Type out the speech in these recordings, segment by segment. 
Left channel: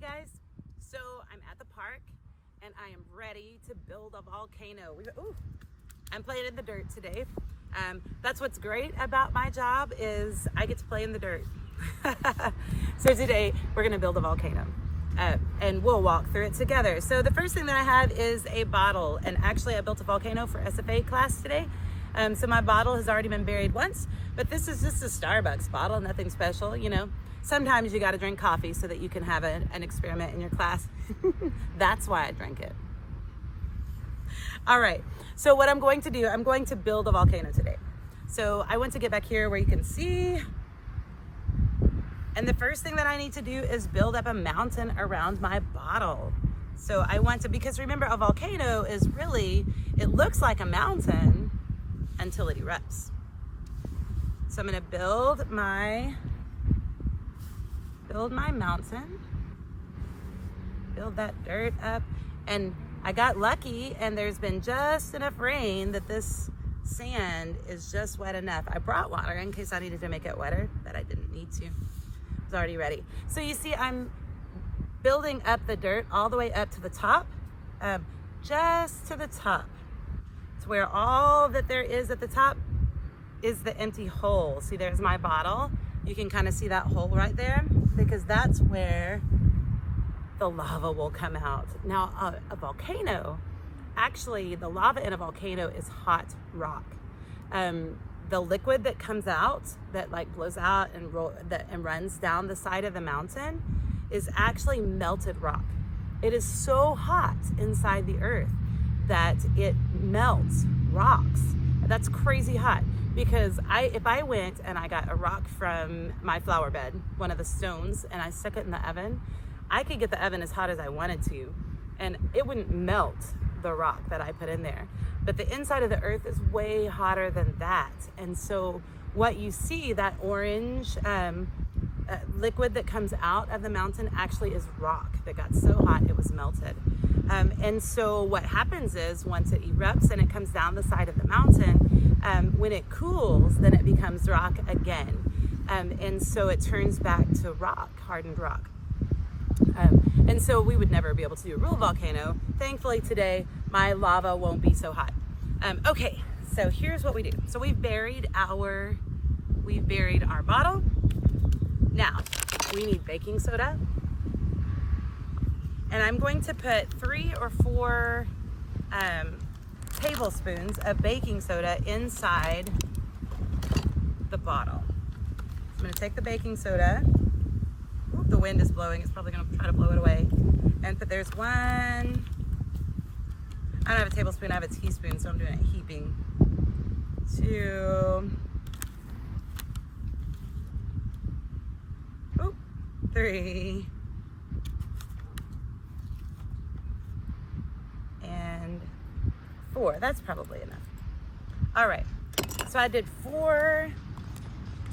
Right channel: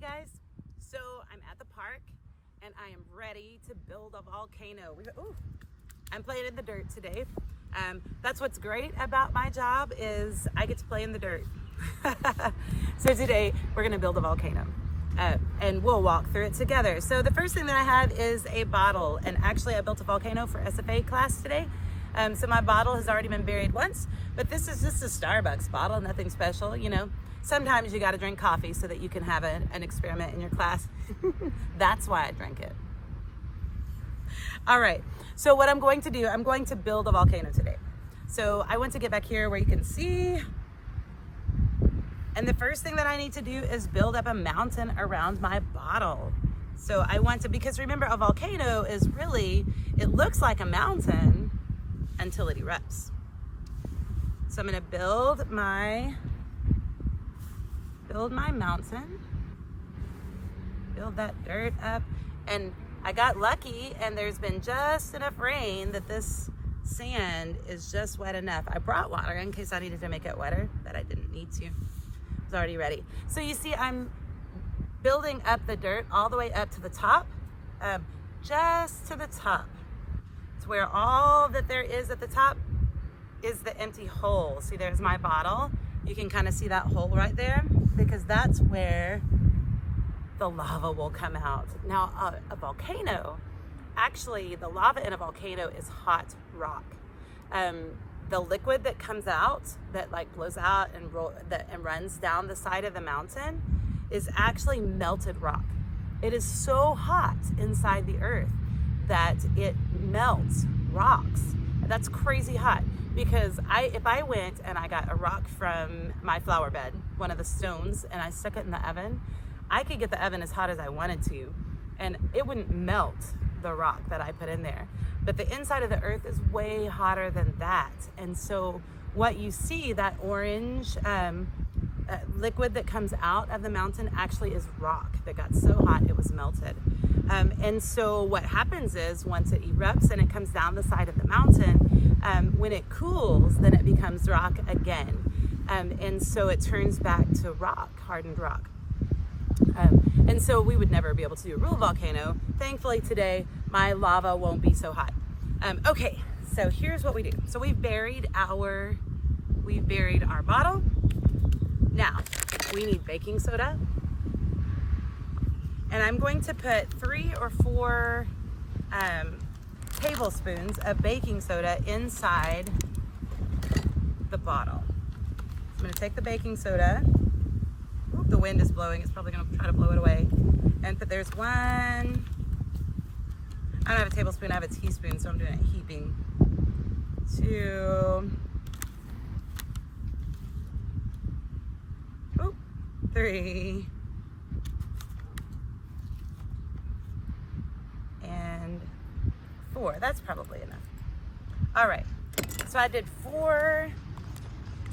Hey guys, so I'm at the park and I am ready to build a volcano. I'm playing in the dirt today. That's what's great about my job is I get to play in the dirt. So today we're gonna build a volcano and we'll walk through it together. So the first thing that I have is a bottle, and actually I built a volcano for SFA class today. So my bottle has already been buried once, but this is just a Starbucks bottle, nothing special, you know. Sometimes you got to drink coffee so that you can have an experiment in your class. That's why I drink it. All right, so what I'm going to do, I'm going to build a volcano today. So I want to get back here where you can see. And the first thing that I need to do is build up a mountain around my bottle. So I want to, because remember, a volcano is really, it looks like a mountain until it erupts. So I'm gonna build my mountain, build that dirt up, and I got lucky and there's been just enough rain that this sand is just wet enough. I brought water in case I needed to make it wetter, but I didn't need to. It was already ready. So you see I'm building up the dirt all the way up to the top, just to the top. It's where all that there is at the top is the empty hole. See, there's my bottle. You can kind of see that hole right there because that's where the lava will come out. Now, a volcano, actually the lava in a volcano is hot rock. The liquid that comes out, that like blows out and runs down the side of the mountain is actually melted rock. It is so hot inside the earth that it melts rocks. That's crazy hot. Because if I went and I got a rock from my flower bed, one of the stones, and I stuck it in the oven, I could get the oven as hot as I wanted to, and it wouldn't melt the rock that I put in there. But the inside of the earth is way hotter than that. And so what you see, that orange liquid that comes out of the mountain actually is rock that got so hot it was melted. And so what happens is once it erupts and it comes down the side of the mountain, when it cools, then it becomes rock again. And so it turns back to rock, hardened rock. And so we would never be able to do a real volcano. Thankfully today, my lava won't be so hot. Okay, so here's what we do. So we've buried our bottle. Now, we need baking soda. And I'm going to put 3 or 4 tablespoons of baking soda inside the bottle. I'm gonna take the baking soda. Ooh, the wind is blowing, it's probably gonna try to blow it away. And there's 1, I don't have a tablespoon, I have a teaspoon, so I'm doing it heaping. 2, 3, and 4. That's probably enough. All right, so I did 4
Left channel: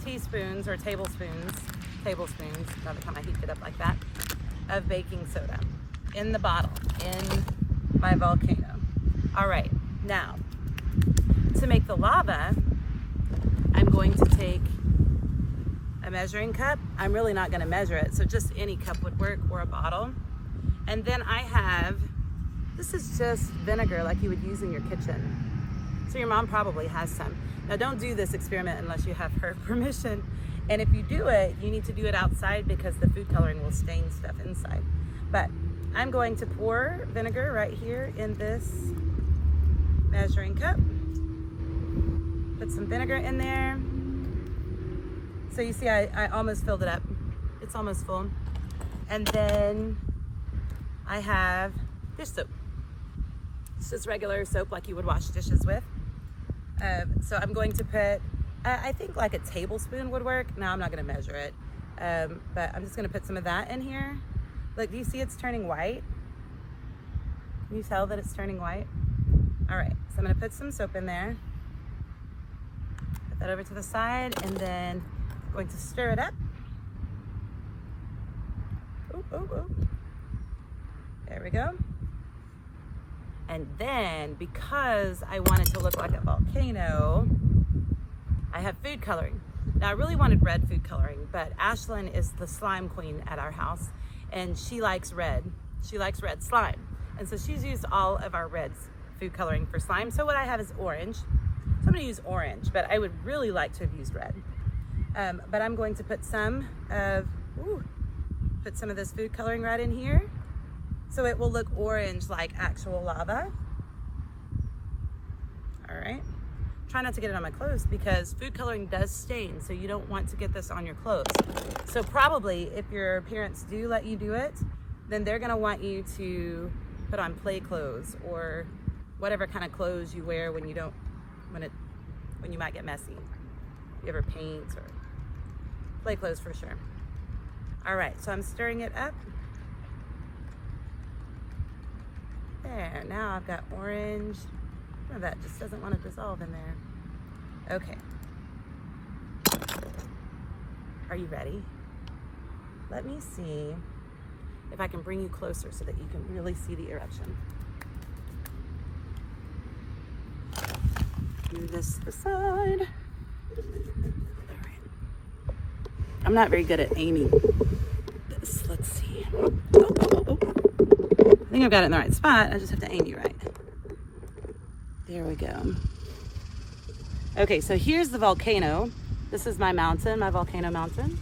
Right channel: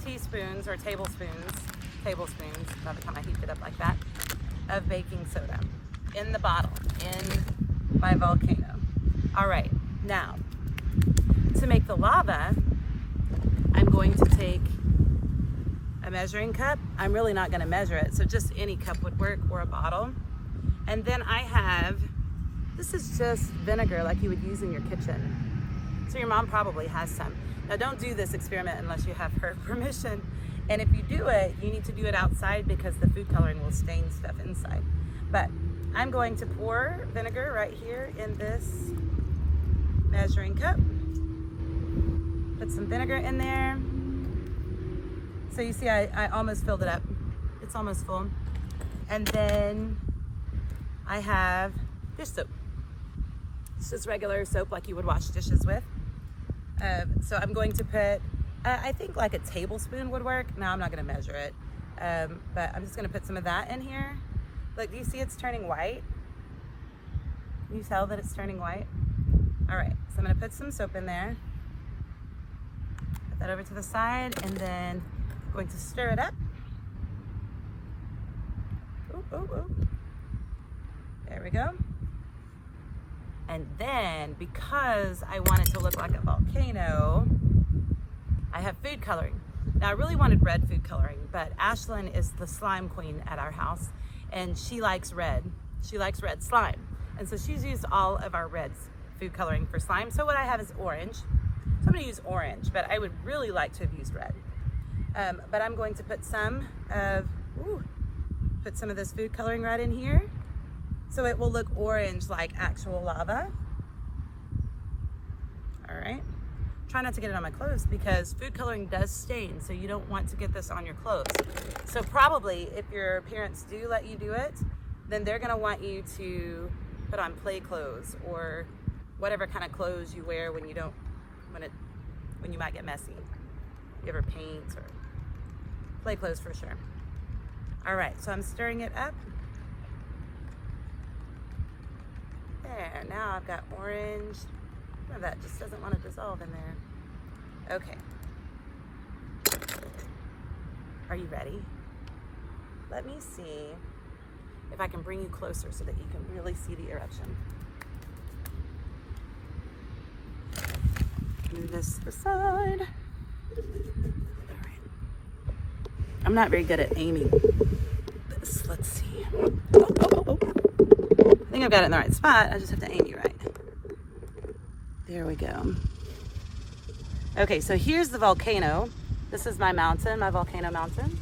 teaspoons or tablespoons by the time I heaped it up like that, of baking soda in the bottle, in my volcano. All right, now, to make the lava, I'm going to take a measuring cup. I'm really not gonna measure it, so just any cup would work, or a bottle. And then I have, this is just vinegar like you would use in your kitchen. So your mom probably has some. Now don't do this experiment unless you have her permission. And if you do it, you need to do it outside because the food coloring will stain stuff inside. But I'm going to pour vinegar right here in this measuring cup. Put some vinegar in there. So you see I almost filled it up. It's almost full. And then I have dish soap. It's just regular soap like you would wash dishes with. So I'm going to put, I think like a tablespoon would work. No, I'm not gonna measure it. But I'm just gonna put some of that in here. Look, do you see it's turning white? Can you tell that it's turning white? All right, so I'm gonna put some soap in there. Put that over to the side, and then I'm going to stir it up. Ooh, ooh, ooh. There we go. And then, because I want it to look like a volcano, I have food coloring. Now I really wanted red food coloring, but Ashlyn is the slime queen at our house, and she likes red. She likes red slime. And so she's used all of our red food coloring for slime. So what I have is orange. So I'm gonna use orange, but I would really like to have used red. But I'm going to put some of this food coloring right in here. So it will look orange like actual lava. All right. Try not to get it on my clothes because food coloring does stain, so you don't want to get this on your clothes. So probably if your parents do let you do it, then they're gonna want you to put on play clothes or whatever kind of clothes you wear when you might get messy. You ever paint or play clothes for sure. All right, so I'm stirring it up. There, now I've got orange. Oh, that just doesn't want to dissolve in there. Okay. Are you ready? Let me see if I can bring you closer so that you can really see the eruption. Move this to the side. All right. I'm not very good at aiming this. Let's see. Oh. I think I've got it in the right spot. I just have to aim you right. There we go. Okay, so here's the volcano. This is my mountain, my volcano mountain.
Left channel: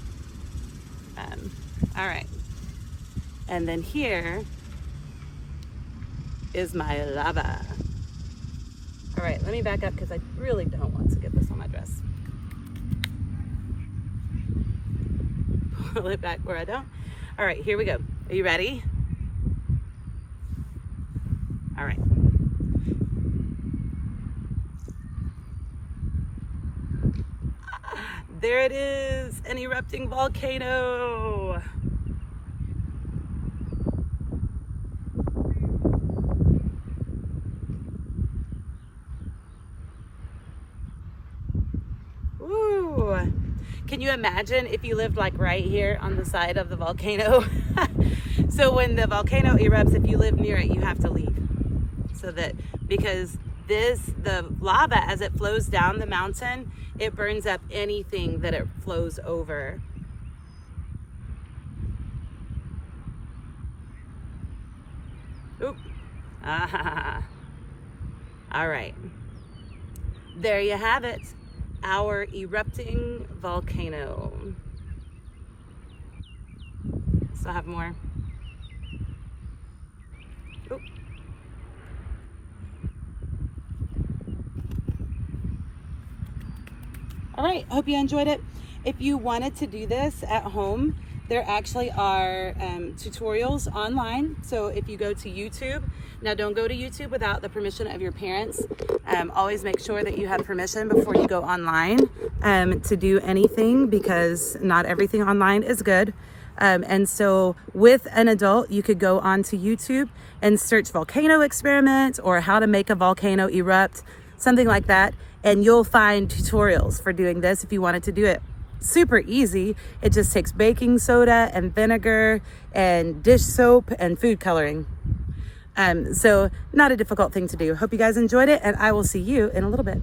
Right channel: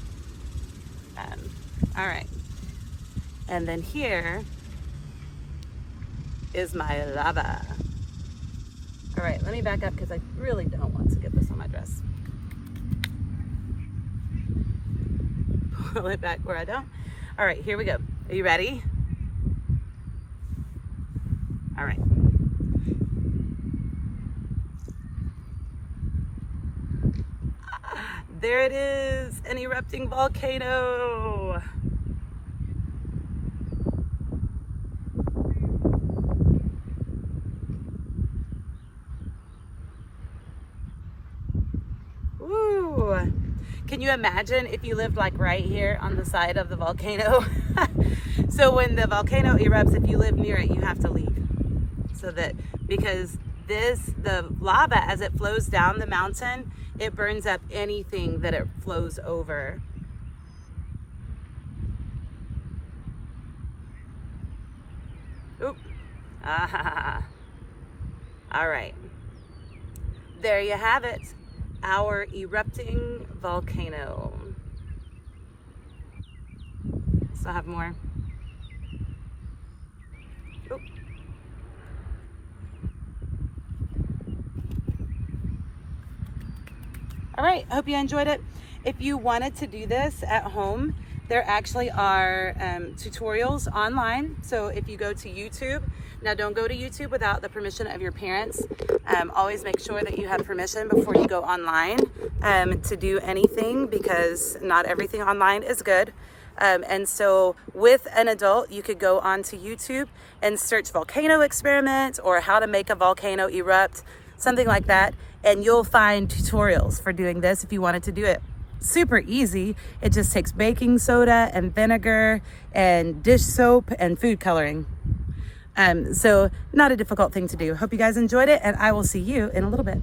All right. And then here is my lava. All right, let me back up because I really don't want to get this on my dress. Pull it back where I don't. All right, here we go. Are you ready? All right. There it is, an erupting volcano. Ooh. Can you imagine if you lived like right here on the side of the volcano? So when the volcano erupts, if you live near it, you have to leave. So that, because the lava, as it flows down the mountain, it burns up anything that it flows over. Oop. Ah. All right. There you have it. Our erupting volcano. Still have more. Oop. All right, I hope you enjoyed it. If you wanted to do this at home, there actually are tutorials online. So if you go to YouTube, now don't go to YouTube without the permission of your parents. Always make sure that you have permission before you go online to do anything, because not everything online is good. And so with an adult, you could go onto YouTube and search volcano experiment or how to make a volcano erupt, something like that. And you'll find tutorials for doing this if you wanted to do it. Super easy. It just takes baking soda and vinegar and dish soap and food coloring. So not a difficult thing to do. Hope you guys enjoyed it, and I will see you in a little bit.